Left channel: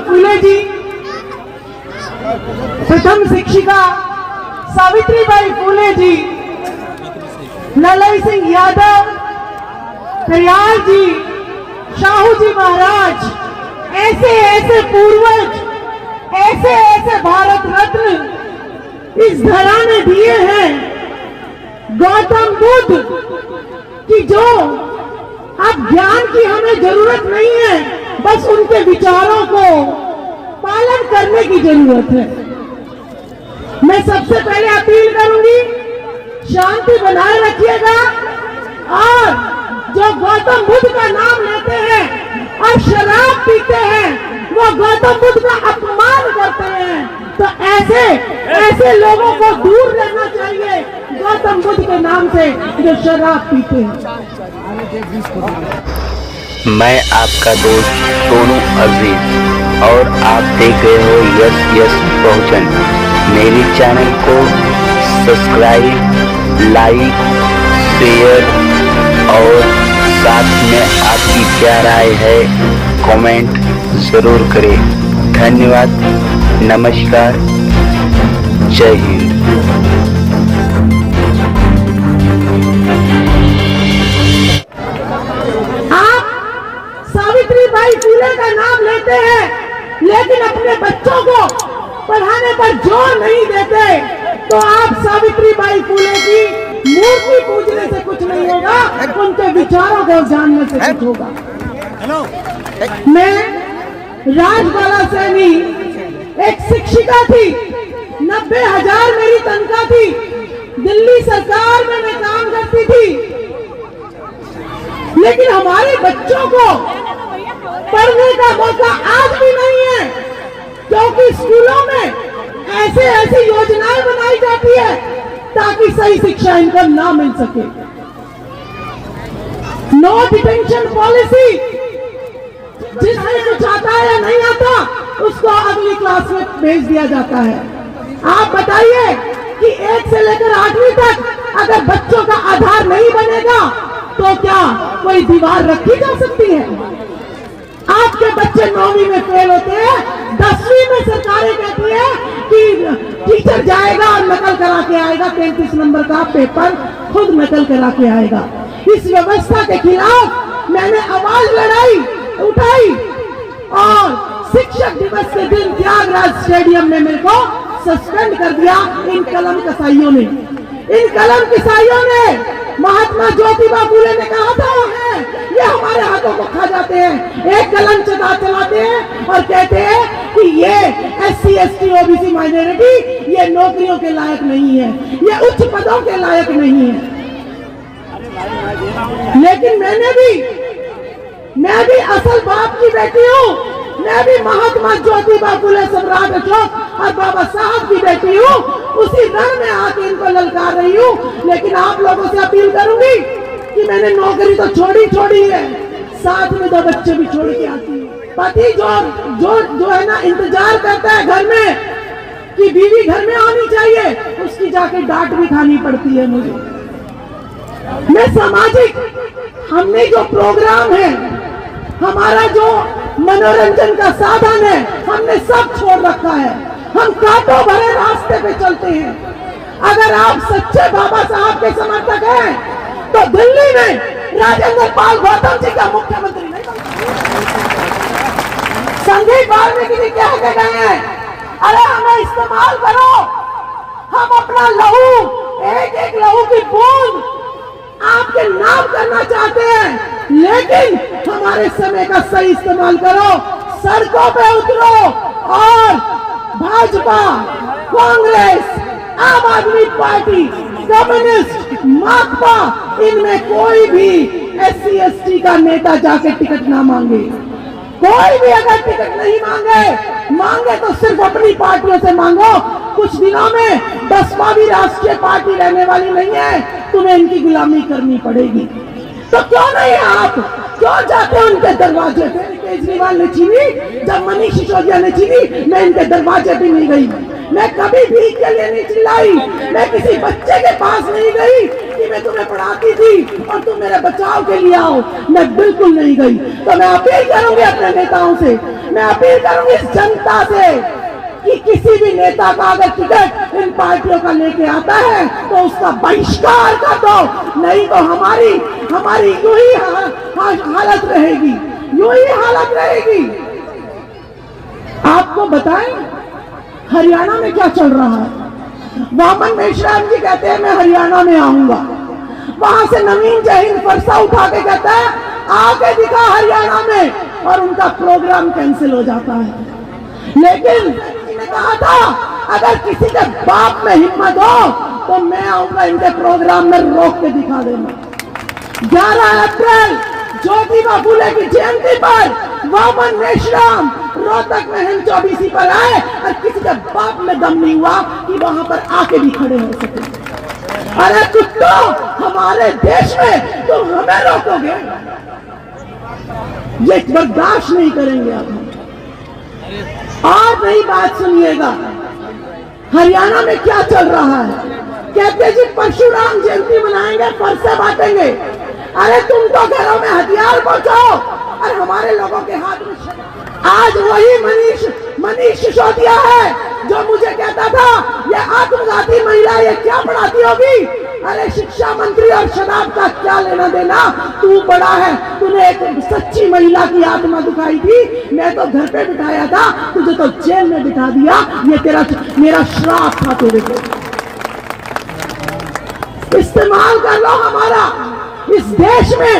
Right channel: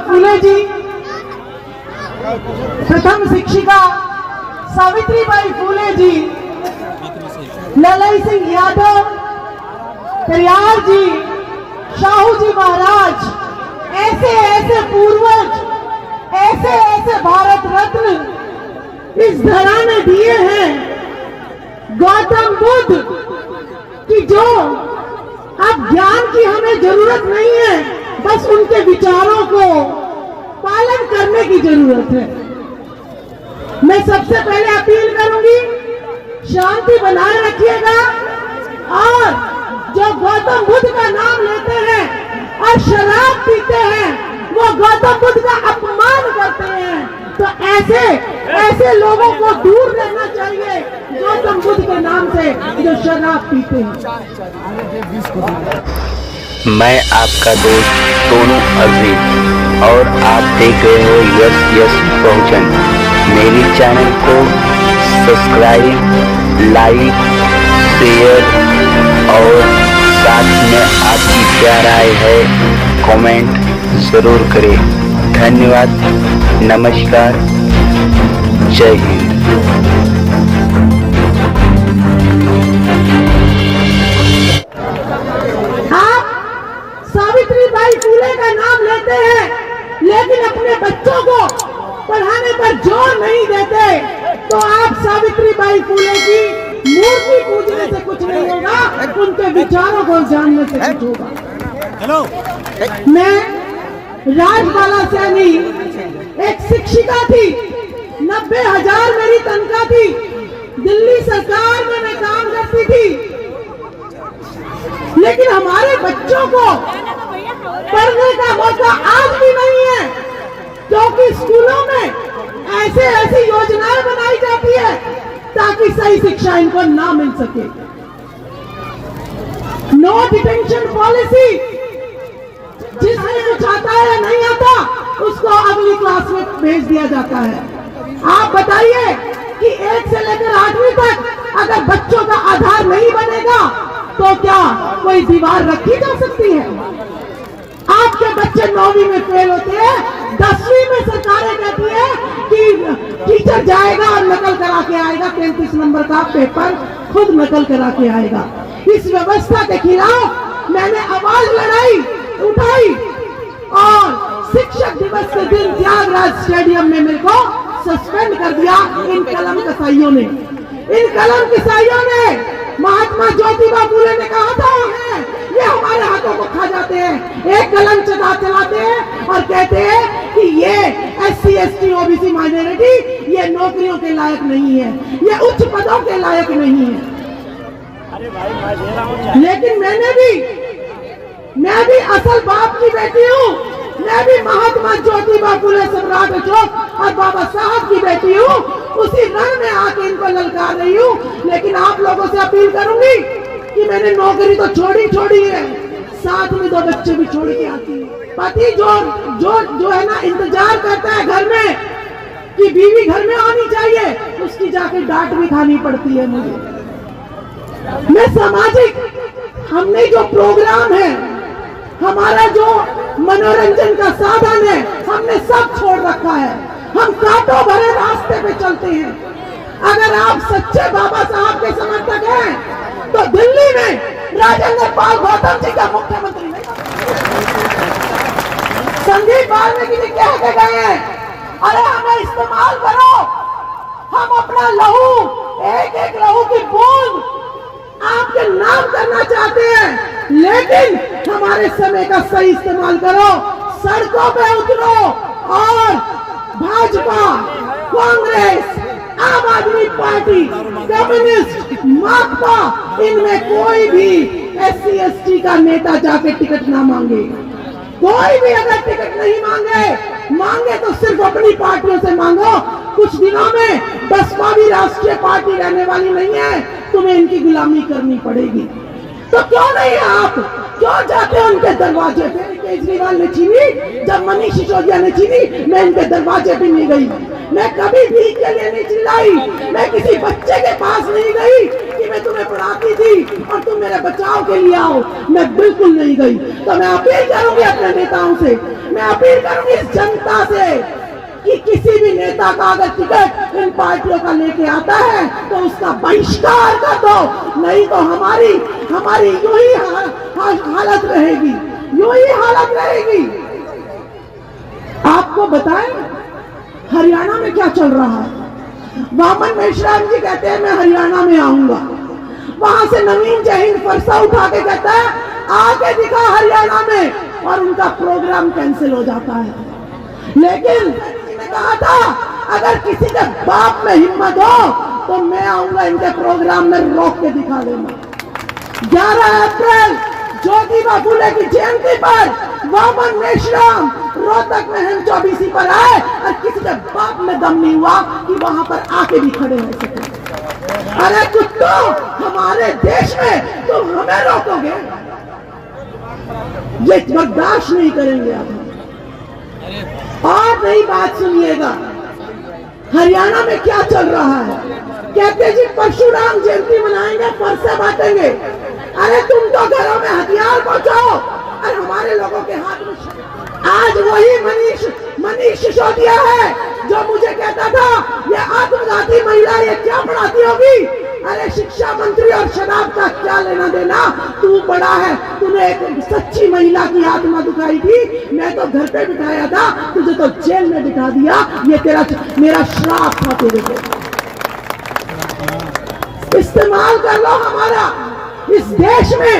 फूले जी, प्रथम शिक्षिका सावित्रीबाई फूले जी, ललई सिंह यादव, पेरियार जी, शाहू जी महाराज, ऐसे ऐसे पूर्वज, ऐसे ऐसे भारत रत्न इस धरा ने दिए हैं। गौतम बुद्ध की जो अब ज्ञान की हमें जरूरत नहीं है, बस उनके विचारों को पालन करने की जरूरत है। मैं सबसे पहले अपील करूंगी, शांति बनाए रखिएगा और जो गौतम बुद्ध का नाम लेते हैं और शराब पीते हैं, वो गौतम बुद्ध का अपमान करते हैं। तो ऐसे लोगों को दूर रहना चाहिए गौतम बुद्ध के नाम से जो शराब पीते हैं। मैं आपका दोस्त सोनू अजीज और आप देख रहे हो यस यस बहुजन। मेरे चैनल को सब्सक्राइब, लाइक, शेयर और साथ में आपकी क्या राय है कमेंट जरूर करें। धन्यवाद, नमस्कार, जय हिंद। सावित्रीबाई फूले का नाम लेते हैं, लेकिन अपने बच्चों को पढ़ाने पर जोर नहीं देते, तो आप सावित्रीबाई फूले की मूर्ति पूजने से कुछ नहीं होगा, उनके विचारों को जानने से कुछ होगा। हेलो, मैं राजबाला सैनी एक शिक्षिका थी, 90,000 मेरी तनख्वाह थी, दिल्ली सरकार में मैं काम करती थी, लेकिन हमारे बच्चों को पढ़ने का मौका आज भी नहीं है, क्योंकि स्कूलों में ऐसी योजनाएं बनाई जाती है ताकि सही शिक्षा इनको ना मिल सके। नो डिटेंशन पॉलिसी, जिसमें कुछ आता है या नहीं आता उसको अगली क्लास में भेज दिया जाता है। आप बताइए कि 1 से लेकर 8वीं तक अगर बच्चों का आधार नहीं बनेगा तो क्या कोई दीवार रखी जा सकती है? आपके बच्चे 9वीं में फेल होते हैं, 10वीं में सरकारें कहती है कि टीचर जाएगा और नकल करा के आएगा, 33 नंबर का पेपर खुद नकल करा के आएगा। इस व्यवस्था के खिलाफ मैंने आवाज उठाई और शिक्षक दिवस के दिन त्यागराज स्टेडियम में मेरे को सस्पेंड कर दिया इन कलम कसाइयों ने। इन कलम कसाइयों ने, महात्मा ज्योतिबा फूले ने कहा था ये हमारे हाथों को खा जाते हैं, एक कलम चलाते हैं और कहते हैं कि ये SC ST OBC माइनॉरिटी ये नौकरियों के लायक नहीं है, ये उच्च पदों के लायक नहीं है। लेकिन मैं भी असल बाप की बेटी हूँ, मैं भी महात्मा ज्योतिबा फूले, सम्राट अशोक और बाबा साहब की बेटी हूँ, उसी रण में आके इनको ललकार रही हूँ। लेकिन आप लोगों से अपील करूंगी कि मैंने नौकरी तो छोड़ी है, साथ में 2 बच्चे भी छोड़ के आती है। पति जो है ना इंतजार करता है घर में कि बीवी घर में आनी चाहिए, उसकी जाके डांट भी खानी पड़ती है मुझे। मैं सामाजिक, हमने जो प्रोग्राम है, हमारा जो मनोरंजन का साधन है, हमने सब छोड़ रखा है। हम कांटों भरे रास्ते पे चलते हैं। अगर आप सच्चे बाबा साहब के समर्थक हैं तो दिल्ली में राजेंद्र पाल गौतम जी का मुख्यमंत्री नहीं संजीव वाल्मीकि जी कह के गए हैं, अरे हमें इस्तेमाल करो, हम अपना लहू, एक लहू की बूंद आपके नाम करना चाहते हैं, लेकिन हमारे समय का सही इस्तेमाल करो, सड़कों पे उतरो और भाजपा, कांग्रेस, आम आदमी पार्टी, कम्युनिस्ट, माकपा, इनमें कोई भी SC ST का नेता जाके टिकट ना मांगे। कोई भी अगर टिकट नहीं मांगे तो सिर्फ अपनी पार्टियों से मांगो। कुछ दिनों में बसपा भी राष्ट्रीय पार्टी रहने वाली नहीं है, तुम्हें इनकी गुलामी करनी पड़ेगी। तो क्यों नहीं आप क्यों जाते हो उनके दरवाजे पे? केजरीवाल ने छीनी, जब मनीष सिसोदिया ने छीनी, मैं इनके दरवाजे पे नहीं गई। मैं कभी भीख के लिए नहीं चिल्लाई, मैं किसी बच्चे के पास नहीं गई कि में तुम्हें पढ़ाती थी और तुम मेरे बचाव के लिए आओ, मैं बिल्कुल नहीं गई। तो मैं अपील करूंगी अपने नेताओं से, मैं अपील करूंगी इस जनता से कि किसी भी नेता का अगर टिकट इन पार्टियों का लेके आता है तो उसका बहिष्कार कर दो, नहीं तो हमारी यूं ही हालत रहेगी, यूं ही हालत रहेगी। आपको बताएं हरियाणा में क्या चल रहा है। वामन मेश्राम जी कहते हैं मैं हरियाणा में आऊंगा, वहां से नवीन जैन फरसा उठा के कहता है आके दिखा हरियाणा में, और उनका प्रोग्राम कैंसिल हो जाता है। लेकिन कहा था अगर किसी के बाप में हिम्मत हो तो मैं आऊंगा इनके प्रोग्राम में रोक के दिखा देना। 11 अप्रैल ज्योतिबा फुले की जयंती पर वामन मेश्राम रोहतक में हम 24 पर आए और किसी के बाप में दम नहीं हुआ कि वहां पर आके भी खड़े हो सके। अरे कुत्तों, हमारे देश में तुम हमें रोकोगे, ये बर्दाश्त नहीं करेंगे अब। और नई बात सुनिएगा, हरियाणा में क्या चल रहा है। कहते जी परशुराम जयंती मनाएंगे, फरसे बांटेंगे। अरे तुम तो घरों में हथियार पहुंचाओ और हमारे लोगों के हाथ में। आज वही मनीष सिसोदिया है जो मुझे कहता था ये आत्मघाती महिला ये क्या पढ़ाती होगी। अरे शिक्षा मंत्री और शराब का क्या लेना देना, तू बड़ा है, तूने एक सच्ची महिला की आत्मा दुखाई थी, मैं तो घर पे बिठाया था, तुझे तो जेल में बिठा दिया। ये मेरा श्राप था तेरे को। इस्तेमाल कर लो हमारा। इस देश में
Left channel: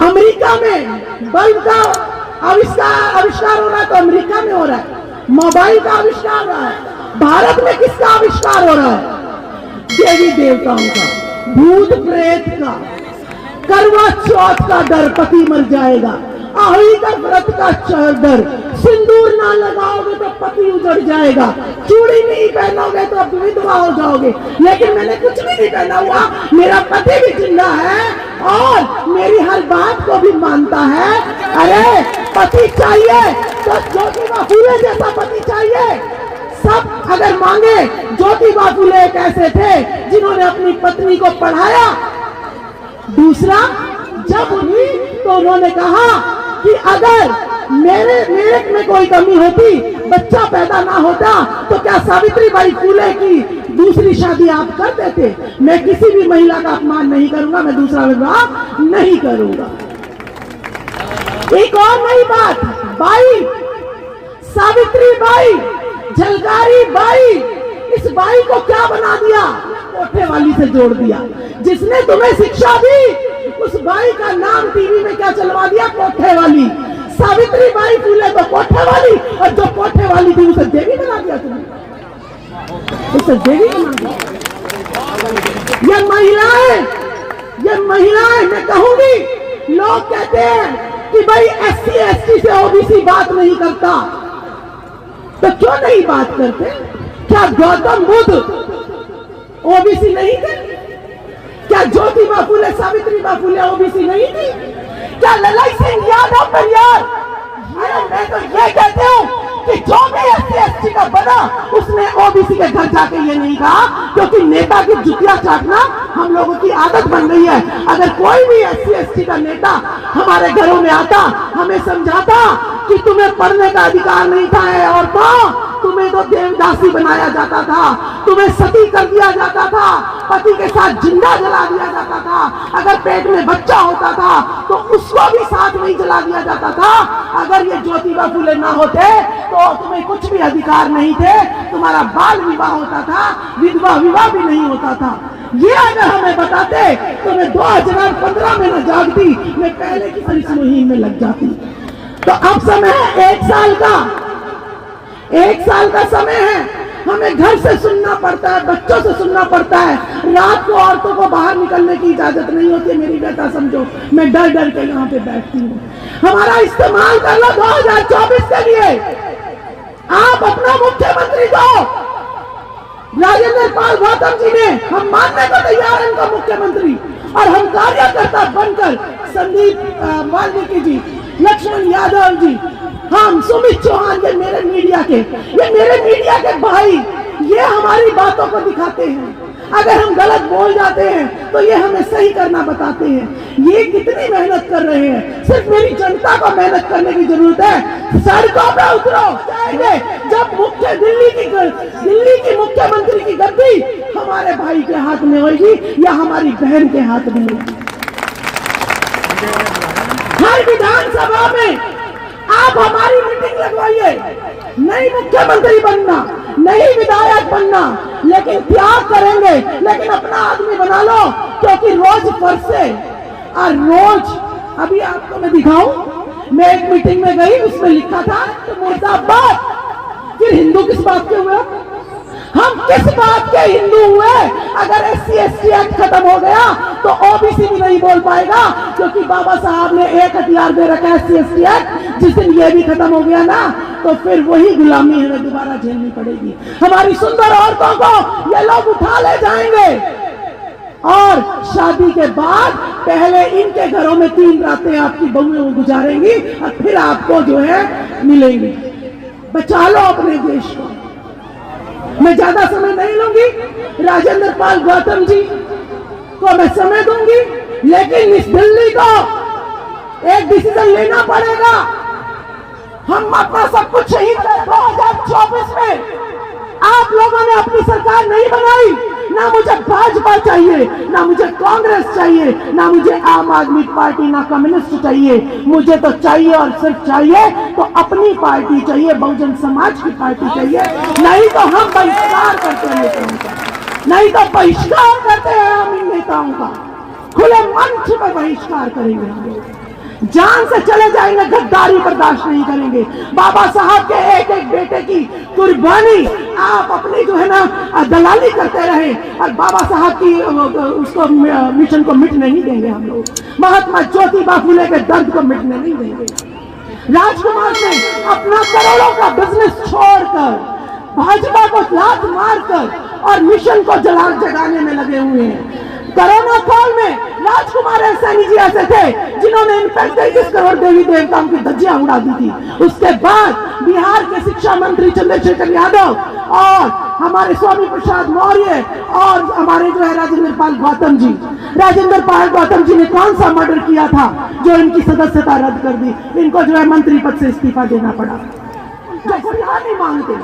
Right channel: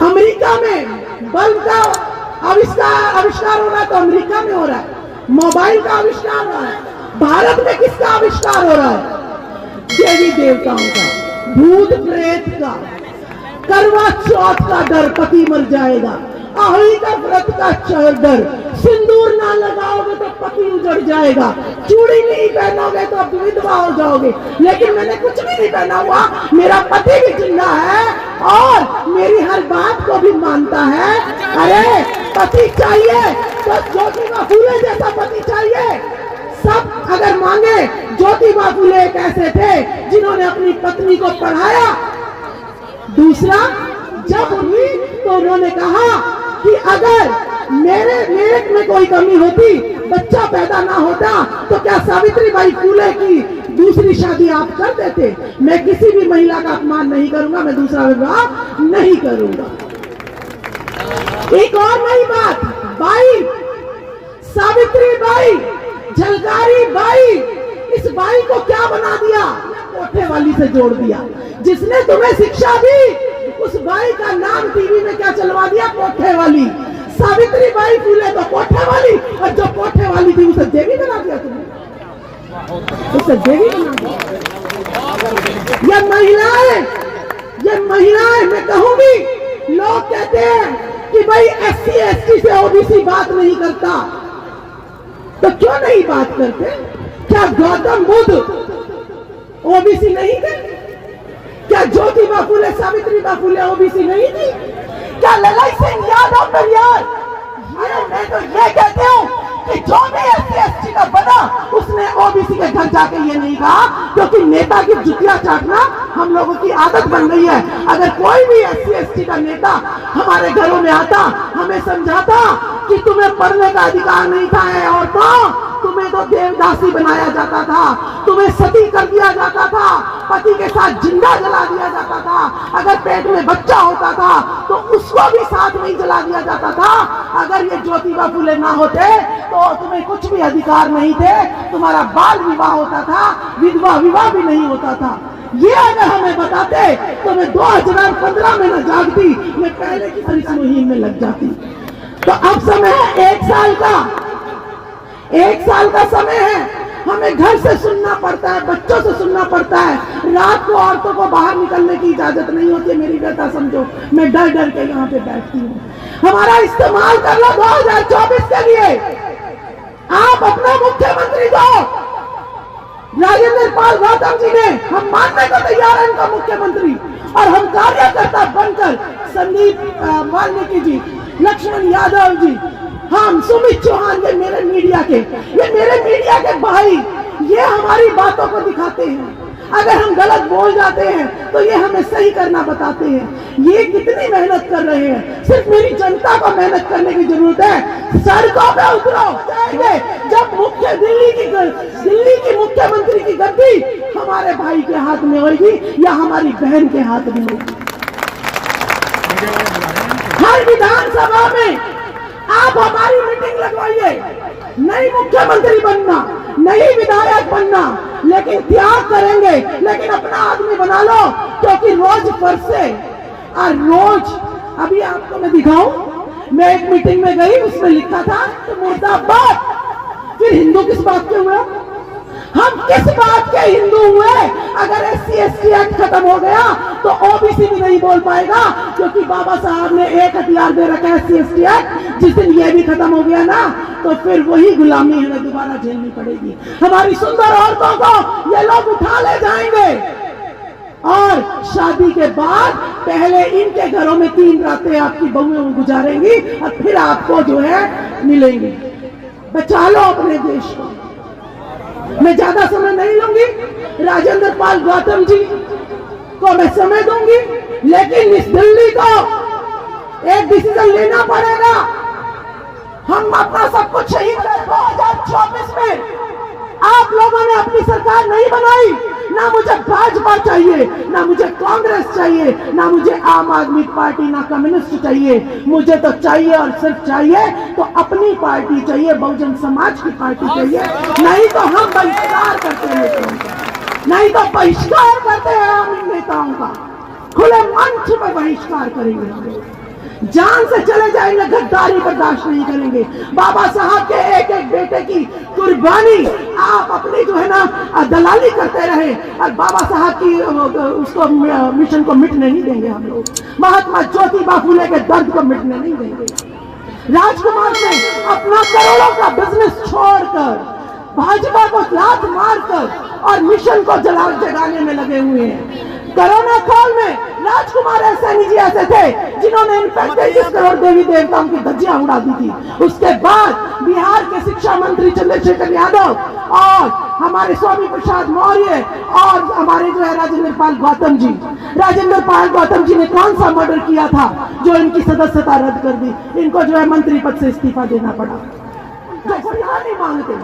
अमेरिका में बल्ब का आविष्कार हो रहा है तो अमेरिका में हो रहा है, मोबाइल का आविष्कार हो रहा है। भारत में किसका आविष्कार हो रहा है? देवी देवताओं का, भूत प्रेत का, करवा चौथ का डर, पति मर जाएगा, आही का व्रत का डर, सिंदूर ना लगाओगे तो पति उजड़ जाएगा, चूड़ी नहीं पहनोगे तो विधवा हो जाओगे। लेकिन मैंने कुछ भी नहीं पहना हुआ, मेरा पति भी जिंदा है और मेरी हर बात को भी मानता है। अरे पति चाहिए तो ज्योतिबा फुले जैसा पति चाहिए। सब अगर मांगे, ज्योतिबा फुले एक ऐसे थे जिन्होंने अपनी पत्नी को पढ़ाया। दूसरा, जब उन्हीं तो उन्होंने कहा कि अगर मेरे में कोई कमी होती, बच्चा पैदा ना होता, तो क्या सावित्रीबाई फुले की दूसरी शादी आप कर देते? मैं किसी भी महिला का अपमान नहीं करूंगा, मैं दूसरा विवाह नहीं करूंगा। एक और नई बात, बाई सावित्रीबाई, झलकारी बाई, इस बाई को क्या बना दिया? कोठे वाली से जोड़ दिया। जिसने तुम्हें शिक्षा दी उस बाई का नाम टीवी में क्या चलवा दिया? कोठे वाली। सावित्रीबाई फुले तो कोठे वाली, और जो कोठे वाली थी उसे देवी बना दिया तुमने, उसे देवी बना दिया। ये महिलाएं मैं कहूंगी, लोग कहते हैं कि भाई SC ST से OBC बात नहीं करता, तो क्यों नहीं बात करते? क्या गौतम बुद्ध OBC नहीं थे? क्या ज्योतिबा फुले, सावित्रीबाई फुले OBC नहीं थी? क्या ललाई सिंह यादव परिवार? मैं तो ये कहते हूँ कि जो भी SC ST का बना उसने OBC के घर जाके ये नहीं कहा, क्योंकि नेता की जुतियां चाटना हम लोगों की आदत बन गई है। अगर कोई भी SC ST का नेता हमारे घरों में आता, हमें समझाता कि तुम्हें पढ़ने का अधिकार नहीं था औरतों, तुम्हें तो देवदासी बनाया जाता था, तुम्हें सती कर दिया जाता था, पति के साथ जिंदा जला दिया जाता था, अगर पेट में बच्चा होता था तो उसको भी साथ में जला दिया जाता था। अगर ये ज्योतिबा फुले ना होते तो तुम्हें कुछ भी अधिकार नहीं थे, तुम्हारा बाल विवाह होता था, विधवा विवाह भी नहीं होता था। ये अगर हमें बताते तो मैं 2015 में न जागती, मैं पहले की इस मुहिम में लग जाती। तो अब समय है 1 साल का, 1 साल का समय है। हमें घर से सुनना पड़ता है, बच्चों से सुनना पड़ता है, रात को औरतों को बाहर निकलने की इजाजत नहीं होती है। मेरी बेटा समझो, मैं डर डर के यहाँ पे बैठती हूँ। हमारा इस्तेमाल कर लो 2024 के लिए। आप अपना मुख्यमंत्री को राजेंद्र पाल गौतम जी ने हम मानने को तैयार है इनका मुख्यमंत्री, और हम कार्यकर्ता बनकर संदीप वाल्मीकि जी, लक्ष्मण यादव जी, हम सुमित चौहान, ये मेरे मीडिया के भाई, ये हमारी बातों को दिखाते हैं। अगर हम गलत बोल जाते हैं तो ये हमें सही करना बताते हैं। ये कितनी मेहनत कर रहे हैं, सिर्फ मेरी जनता को मेहनत करने की जरूरत है। सड़कों पे उतरो जाएंगे जब दिल्ली की मुख्यमंत्री की गद्दी हमारे भाई के हाथ में होगी या हमारी बहन के हाथ में होगी। हर विधानसभा में आप हमारी मीटिंग लगवाइए, नहीं मुख्यमंत्री बनना, नहीं विधायक बनना, लेकिन त्याग करेंगे, लेकिन अपना आदमी बना लो, क्योंकि रोज फरसे और रोज। अभी आपको मैं दिखाऊं, मैं एक मीटिंग में गई, उसमें लिखा था तो मुर्दाबाद। फिर हिंदू किस बात के हुए? हम किस बात के हिंदू हुए? अगर SC/ST एक्ट खत्म हो गया तो OBC भी नहीं बोल पाएगा, क्योंकि बाबा साहब ने एक हथियार दे रखा है SC/ST एक्ट। जिस दिन ये भी खत्म हो गया ना तो फिर वही गुलामी हमें दोबारा झेलनी पड़ेगी। हमारी सुंदर औरतों को ये लोग उठा ले जाएंगे और शादी के बाद पहले इनके घरों में 3 रातें आपकी बहुएं गुजारेंगी और फिर आपको जो है मिलेंगी। बचा लो अपने देश को। मैं ज्यादा समय नहीं लूंगी, राजेंद्र पाल गौतम जी को मैं समय दूंगी, लेकिन इस दिल्ली को एक डिसीजन लेना पड़ेगा। हम अपना सब कुछ शहीद करें 2024 में। आप लोगों ने अपनी सरकार नहीं बनाई, ना मुझे भाजपा चाहिए, ना मुझे कांग्रेस चाहिए, ना मुझे आम आदमी पार्टी, ना कम्युनिस्ट चाहिए। मुझे तो चाहिए और सिर्फ चाहिए तो अपनी पार्टी चाहिए, बहुजन समाज की पार्टी चाहिए। नहीं तो हम बहिष्कार करते हैं नेताओं का, नहीं तो बहिष्कार करते हैं हम इन नेताओं का। खुले मंच पर बहिष्कार करेंगे हम लोग, जान से चले जाएंगे, गद्दारी बर्दाश्त नहीं करेंगे। बाबा साहब के एक एक बेटे की कुर्बानी आप अपनी जो है ना दलाली करते रहे और बाबा साहब की उसको मिशन को मिट नहीं देंगे हम लोग। महात्मा ज्योतिबा फुले के दर्द को मिटने नहीं देंगे। राजकुमार ने अपना करोड़ों का बिजनेस छोड़कर भाजपा को लात मारकर और मिशन को जगाने में लगे हुए हैं। कोरोना काल में राजकुमार सैनी जी ऐसे थे जिन्होंने इन 35 करोड़ देवी देवताओं की धज्जियां उड़ा दी थी। उसके बाद बिहार के शिक्षा मंत्री चंद्रशेखर यादव और हमारे स्वामी प्रसाद मौर्य और हमारे जो है राजेंद्र पाल गौतम जी ने कौन सा मर्डर किया था जो इनकी सदस्यता रद्द कर दी? इनको जो है मंत्री पद से इस्तीफा देना पड़ा। जो नहीं मांगते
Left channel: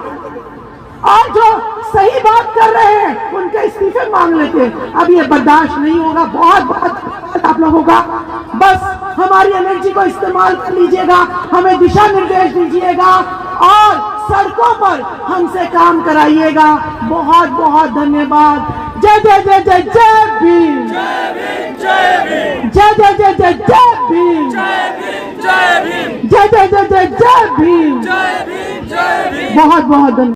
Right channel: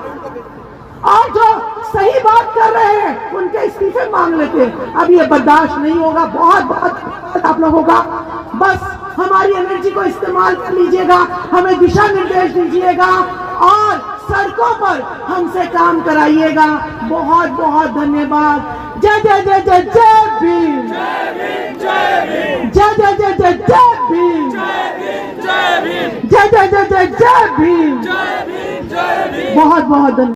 और जो सही बात कर रहे हैं उनके इस्तीफे मांग लेते हैं। अब ये बर्दाश्त नहीं होगा। बहुत बहुत आप लोगों का बस हमारी एनर्जी को इस्तेमाल कर लीजिएगा, हमें दिशा निर्देश दीजिएगा और सड़कों पर हमसे काम कराइएगा। बहुत बहुत धन्यवाद। जय जय जय जय जय भीम, जय जय जय जय जय भीम, जय जय जय जय जय भीम। बहुत बहुत धन्यवाद।